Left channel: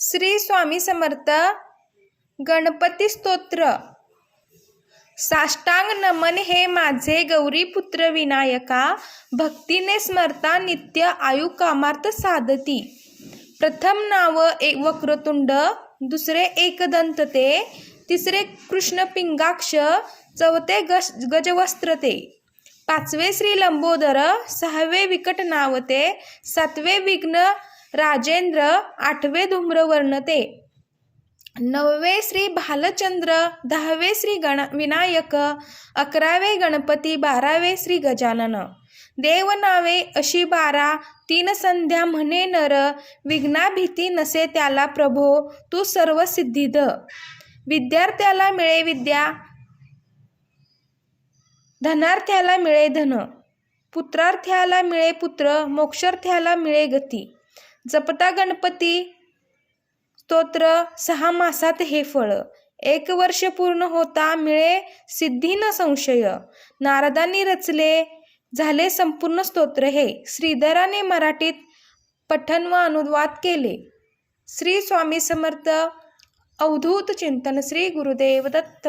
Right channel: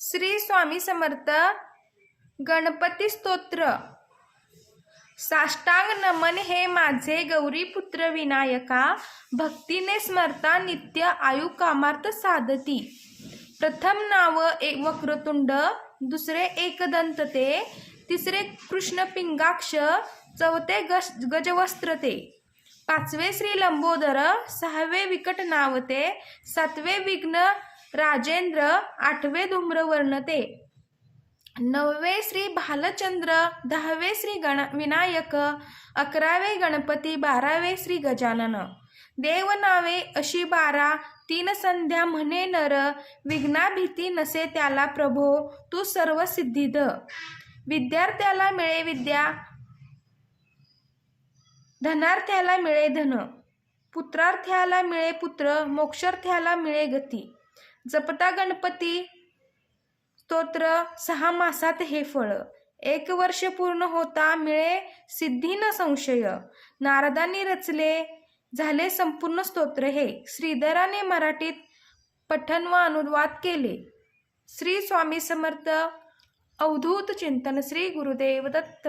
श्री स्वामी समर्थ गणपती स्तोत्र। साष्टांग नमन हे माझे गौरीपुत्र विनायका, भक्तीने स्मरता नित्य आयु कामार्थ साधती। प्रथम नाव वक्रतुंड, दुसरे एकदंत ते, तिसरे कृष्ण पिंगाक्ष, चौथे गजवस्त्र ते, पाचवे श्री लंबोदर, सहावे विकट नाव ते, सातवे विघ्न राजेंद्र, आठवे धूम्रवर्ण ते, नववे श्री भालचंद्र, दहावे श्री विनायक, अकरावे गणपती, बारावे श्री गजानन। देव नावे अशी 12, तीन संध्या म्हणे नर, विघ्ना भीती नसे त्याला प्रभो, तू सर्व सिद्धिद। विद्यार्थ्याला मिळे विद्या, धनार्थ्याला मिळे धन, पुत्रार्थ्याला मिळे पुत्र, मोक्षार्थ्याला मिळे गती। जपता गणपती स्तोत्र 6 मासात हे फळ, 1 वर्ष पूर्ण होता मिळे सिद्धी न संशय। नारदांनी रचले झाले संपूर्ण स्तोत्र हे, श्रीधराने मराठीत पठण व अनुवाद केले। श्री स्वामी समर्थ अवधूत चिंतन। श्री गुरुदेव दत्त।